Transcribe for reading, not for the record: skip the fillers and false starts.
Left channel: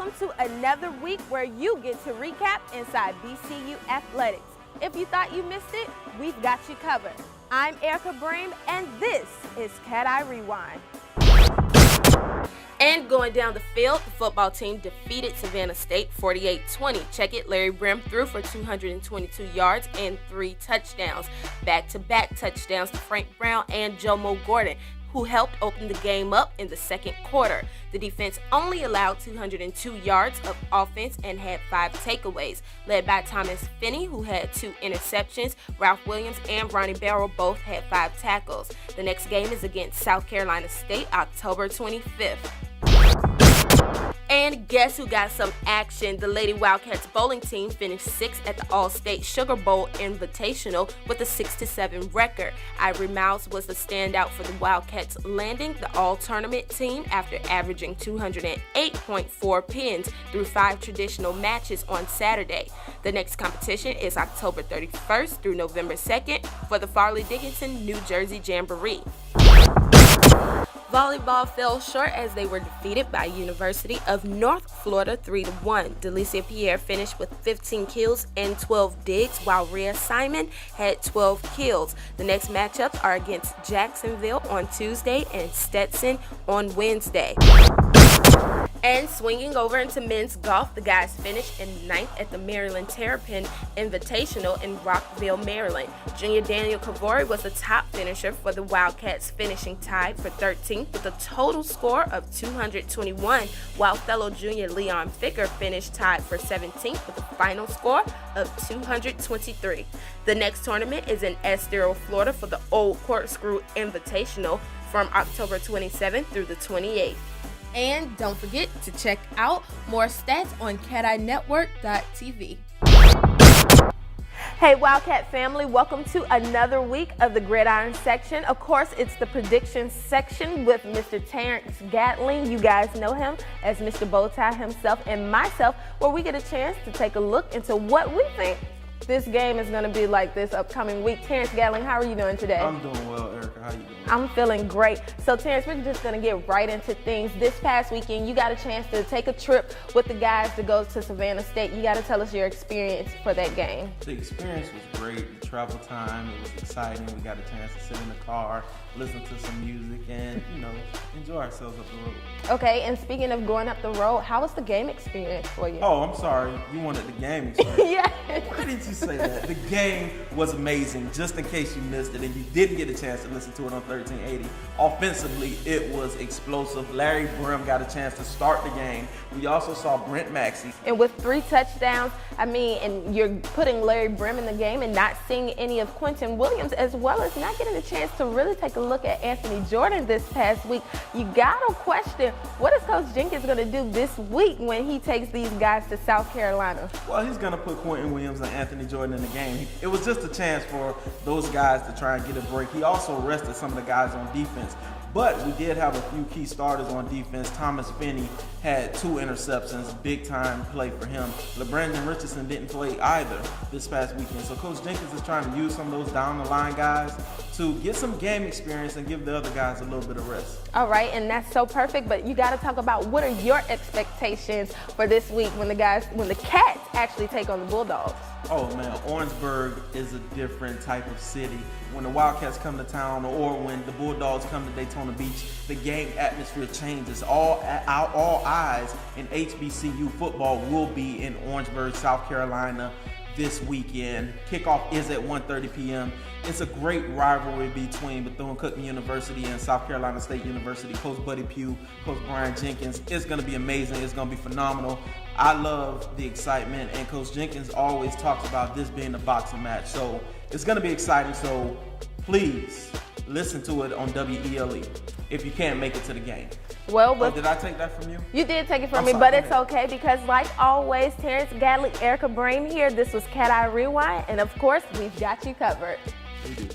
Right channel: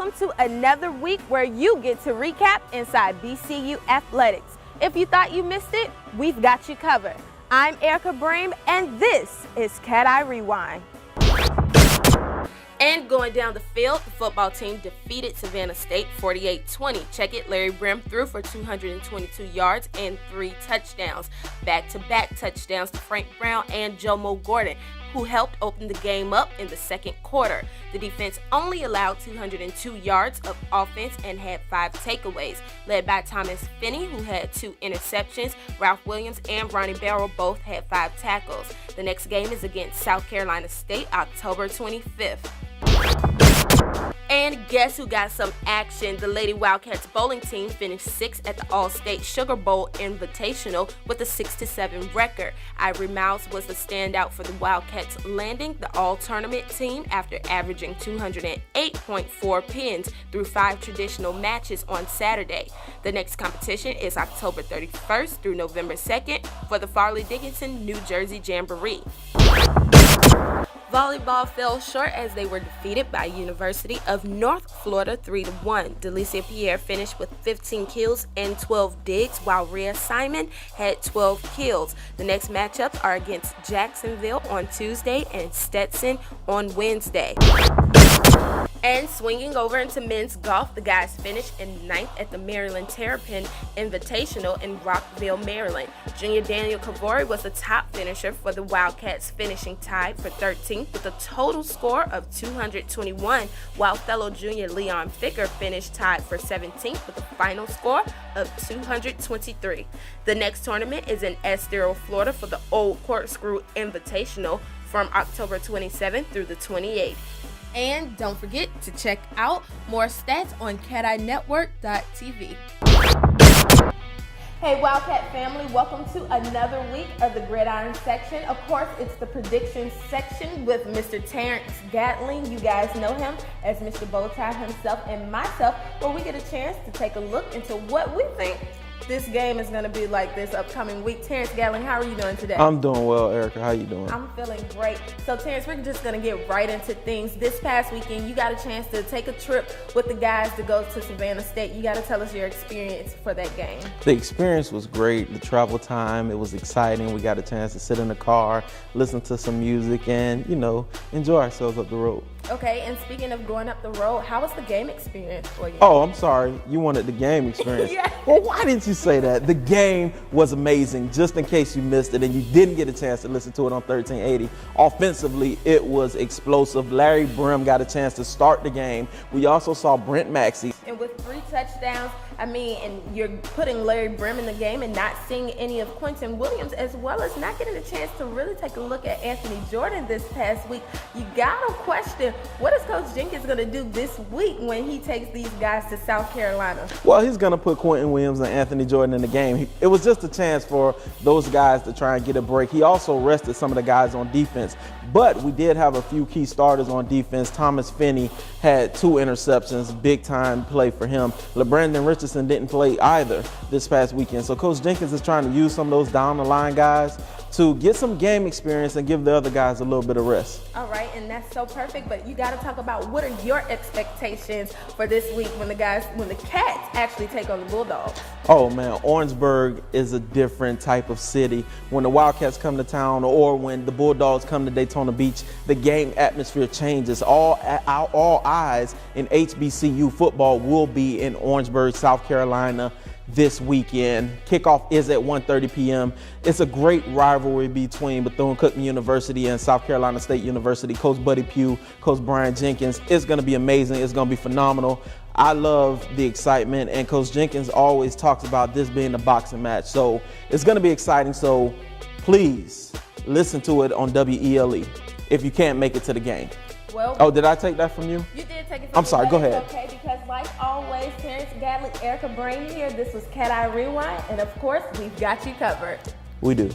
welcome to another week where you get to recap inside BCU Athletics. If you thought you missed it, we've got you covered. I'm Ehircka Brame, and this is CatEye Rewind. And going down the field, the football team defeated Savannah State 48-20. Check it, Larry Brame threw for 222 yards and 3 touchdowns. Back-to-back touchdowns to Frank Brown and Jomo Gordon, who helped open the game up in the second quarter. The defense only allowed 202 yards of offense and had 5 takeaways, led by Thomas Finney, who had 2 interceptions. Ralph Williams and Ronnie Barrow both had 5 tackles. The next game is against South Carolina State, October 25th. And guess who got some action? The Lady Wildcats bowling team finished 6th at the All-State Sugar Bowl Invitational with a 6-7 record. Ivory Mouse was the standout for the Wildcats, landing the all-tournament team after averaging 208.4 pins through 5 traditional matches on Saturday. The next competition is October 31st through November 2nd for the Farley Dickinson New Jersey Jamboree. Volleyball fell short as they were defeated by University of North Florida 3-1. Delicia Pierre finished with 15 kills and 12 digs, while Rhea Simon had 12 kills. The next matchups are against Jacksonville on Tuesday and Stetson on Wednesday. And swinging over into men's golf, the guys finished in 9th at the Maryland Terrapin Invitational in Rockville, Maryland. Junior Daniel Kavori was the top finisher for the Wildcats, finishing tied for 13th with a total score of 221, while fellow junior Leon Ficker finished tied for 17th with a final score of 223. The next tournament is in Estero, Florida for the Old Corkscrew Invitational from October 27th through the 28th. And don't forget to check out more stats on CatEyeNetwork.tv. Hey Wildcat family, welcome to another week of the Gridiron section. Of course, it's the predictions section with Mr. Terrence Gattling. You guys know him as Mr. Bowtie himself, and myself, where we get a chance to take a look into what we think this game is going to be like this upcoming week. Terrence Gattling, how are you doing today? I'm doing well, Ehircka. How you doing? I'm feeling great. So, Terrence, we're just going to get right into things. This past weekend, you got a chance to take a trip with the guys to go to Savannah State. You got to tell us your experience for that game. The experience was great. The travel time, it was exciting. We got a chance to sit in the car, listen to some music, and, enjoy ourselves up the road. Okay, and speaking of going up the road, how was the game experience for you? Oh, I'm sorry. You wanted the game experience. Yeah. Well, why didn't you say that? The game was amazing, just in case you missed it and you didn't get a chance to listen to it on 1380. Offensively, it was explosive. Larry Brame got a chance to start the game. We also saw Brent Maxey. And with 3 touchdowns, and you're putting Larry Brame in the game and not seeing any of Quentin Williams, as well as not getting a chance to really take a look at Anthony Jordan this past week. You gotta question, what is Coach Jenkins gonna do this week when he takes these guys to South Carolina? Well, he's gonna put Quentin Williams and Anthony Jordan in the game. It was just a chance for those guys to try and get a break. He also rested some of the guys on defense. But we did have a few key starters on defense. Thomas Finney had 2 interceptions, big time play for him. LeBrandon Richardson didn't play either this past weekend. So Coach Jenkins is trying to use some of those down the line guys to get some game experience and give the other guys a little bit of rest. All right, and that's so perfect, but you got to talk about what are your expectations for this week when the Cats actually take on the Bulldogs? Oh man, Orangeburg is a different type of city. When the Wildcats come to town or when the Bulldogs come to Daytona Beach, the game atmosphere changes. All eyes in HBCU football will be in Orangeburg, South Carolina this weekend. Kickoff is at 1:30 p.m. It's a great rivalry between Bethune-Cookman University and South Carolina State University. Coach Buddy Pugh, Coach Brian Jenkins. It's going to be amazing. It's going to be phenomenal. I love the excitement, and Coach Jenkins always talks about this being a boxing match. So it's going to be exciting. So please listen to it on WELE if you can't make it to the game. Well, oh, did I take that from you? You did take it from me, sorry, but it's okay because, like always, Terrence Gattling, Ehircka Brame here. This was CatEye Rewind, and of course, we got you covered. We do.